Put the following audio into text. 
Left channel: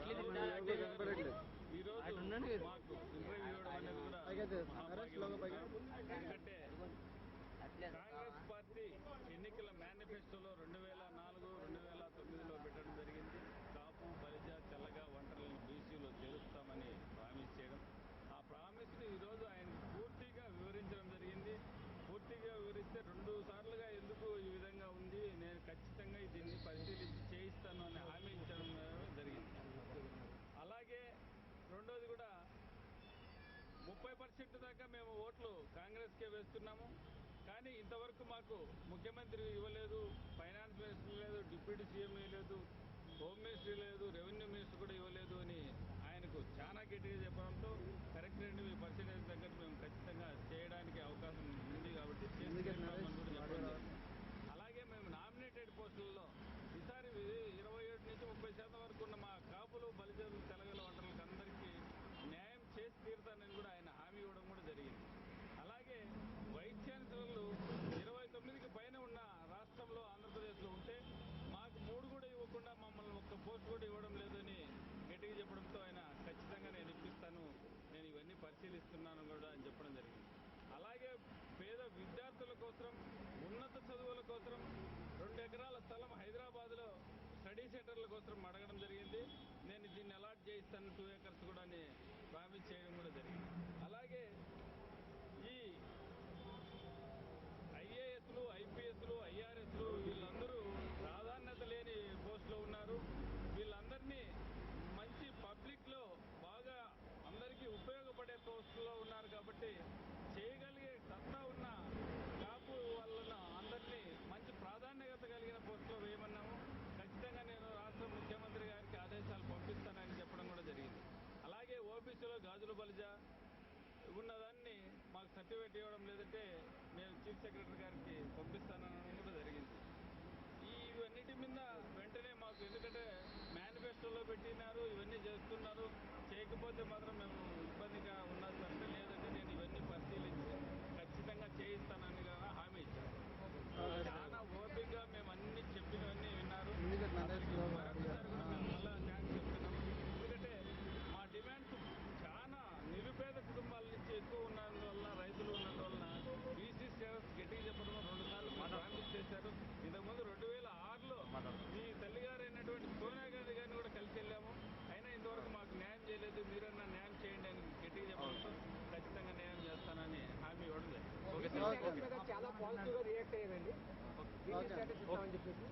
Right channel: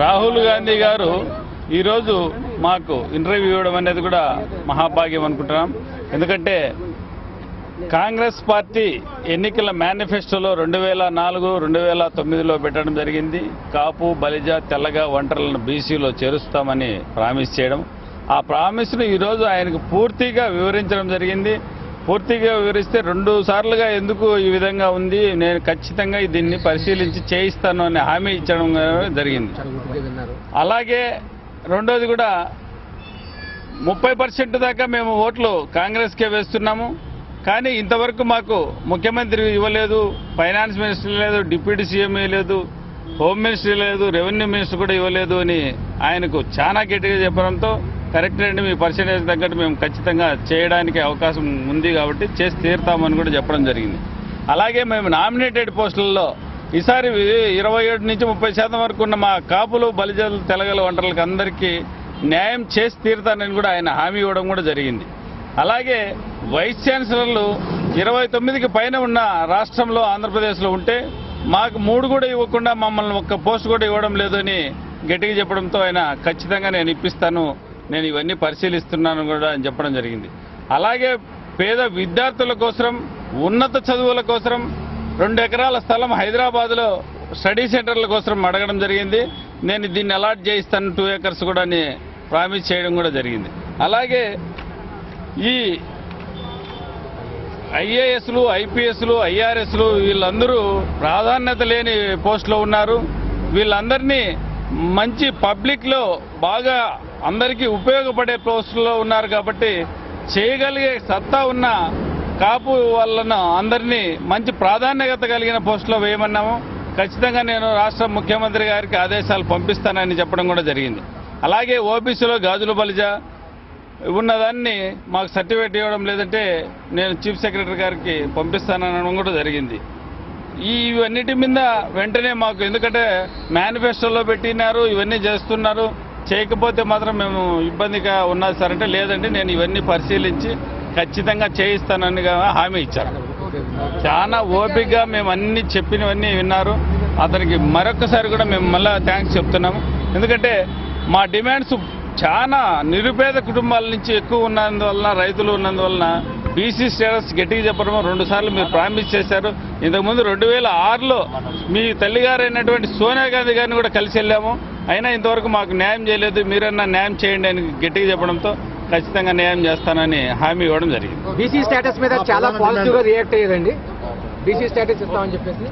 రాహుల్ గాంధీ గారు ఈరోజు మాకు ఇంటర్వ్యూ ఇవ్వడం అనేది కూడా మహాభాగ్యం అనుకుంటున్నాం. ఎందుకంటే కాంగ్రెస్ పార్టీ ఎన్నికల మేనిఫెస్టోలో 2004, 2009లో పెట్టడం జరిగింది. కాపు, బలిజ, తెల్లగ, ఒంటరులను బీసీలో చేరుస్తామని ప్రామిస్ చేయడం. ఆ ప్రామిస్ను ఈరోజు ఆయనకు పూర్తిగా వివరించడం జరిగింది. పూర్తిగా వివరిస్తే 2 సార్లుగా ఎందుకు ఈ విధంగా ఉంది, నేను ఖచ్చితంగా దీన్ని పరిశీలించి చేయిస్తాను అని హామీ ఇచ్చడం జరిగింది. అలాగే రెండోది కూడా 30% దాకా మేము ఓట్లు కాంగ్రెస్కే వేస్తున్నాము. కానీ ఇంతవరకు మాకు ముఖ్యమంత్రి ఇవ్వలేదు, ఫైనాన్స్ మినిస్టర్ లేదు, డిప్యూటీ సీఎం లేదు, హోమ్ మినిస్టర్ లేదు, రెవెన్యూ మినిస్టర్ కూడా ఇవ్వలేదు అని ఆయనకు చాలా గట్టిగా చెప్పడంతో కరెక్ట్ అండి, మీ పర్సెంటేజ్ తగ్గట్టు మేము ఖచ్చితంగా చేయడానికి అవకాశం ఉంది కాబట్టి చేసి తీరుతామని కూడా చెప్పడం జరిగింది. అలాగే మేము నామినేటెడ్ పోస్టులలో ఈసారి 27 నుంచి 30% వరకు ఉన్న మా కాపులు, బలిజలు, తెలగల, ఒంటరులకు అందరికీ న్యాయం చేసి తీరుతానని కూడా ఆయన హామీ ఇవ్వడం కూడా జరిగింది. అలాగే వైస్ ఛాన్సలర్లు 29కి పైన ఉన్న రాష్ట్రంలో ఆంధ్రప్రదేశ్లో ఉంటే మాకు 3 కూడా ఇవ్వకుండా మమ్మల్ని ఒక్క పోస్ట్ కూడా ఇవ్వడం లేదని గట్టిగా చెప్పడంతో ఆయన ఖచ్చితంగా నేను ఇప్పిస్తాను, నేను ఇవన్నీ పరిశీలిస్తున్నాను కూడా అని చెప్పడం జరిగింది. అలాగే పేద విద్యార్థుల కోసం, ఉన్నత చదువుల కోసం 2 ఎకరాల స్థలం హైదరాబాద్లో స్టడీ సెంటర్ల కోసం అడగడం జరిగింది. నేను దీన్ని అలాట్ చేయిస్తాను 2 ఏకర్స్ కూడా అని ప్రామిస్ చేయడం కూడా జరిగింది. అలాగే ఈ ఐఏఎస్లు, ఐపీఎస్లు, ఐఆర్ఎస్లు వీళ్ళందరూ ప్రాధాన్యత లేని పోస్టులో ఉన్నారు. వీళ్ళందరినీ మంచి పబ్లిక్లో బాగా అందరికీ ఉపయోగపడే పోస్టుల్లో ఉన్నారు కాబట్టి చేయగలిగే సత్తా ఉన్న కాపు వాళ్ళను అందరినీ మంచి ప్రాధాన్యత కలిగిన పోస్టులో వేయమన్నాము. ఖచ్చితంగా నేను రాష్ట్ర ముఖ్యమంత్రి గారికి ఆదేశాలు పంపిస్తానని చెప్పడం కూడా జరిగింది. అలాగే ఓబీసీలో గాజుల బలిజ ఉన్నదాన్ని మాకు సర్టిఫికేట్ ఇవ్వడం లేదంటే నేను చీఫ్ సెక్రటరీ గారికి పంపిస్తాననడం కూడా జరిగింది. ఇవన్నిటి మీద వెంటనే మాకు, ఎందుకంటే మేనిఫెస్టోలో పెట్టినారు, ఇవన్నీ చేస్తున్నారు, చేయకపోతే మాత్రం మేము ఇబ్బందిగా ఉన్నది సార్ అంటే, లేదంటే నేను ఇవన్నీ పరిశీలించి ఖచ్చితంగా చేయిస్తానని హామీ ఇచ్చారు. చాలా ఓపికగా మేము అన్ని చెప్పినవన్నీ విన్నారు. అతనికి మరొకసారి కూడా మేము మళ్ళీ థ్యాంక్స్ చెప్తున్నాము. ఎందుకంటే మా డిమాండ్స్ చాలా నిరుపేద కుటుంబాల నుంచి ఎక్కువ ఉన్నందువలన, రైతులు ఉన్నందువలన బీసీ స్టేటస్ గట్టిగా చెప్పడం 2 సార్లు మీరు ప్రామిస్ చేశారు. ఇంతకుముందు 2006లో మీ తల్లిగారైనటువంటి సోనియా గాంధీ గారిని కూడా కలిసి వెళ్ళాము, అయినా ఇంతవరకు మాకు న్యాయం చేయలేదు, మీరన్నా న్యాయం చేయండి అని గట్టిగా చెప్పడంతో ఖచ్చితంగా న్యాయం చేస్తానని హామీ ఇవ్వడం జరిగింది. బీసీ స్టేటస్ మీద చాలా పాజిటివ్గా రియాక్ట్ అయ్యేదండి. బీసీ స్టేటస్ ఇస్తామని చెప్పేసి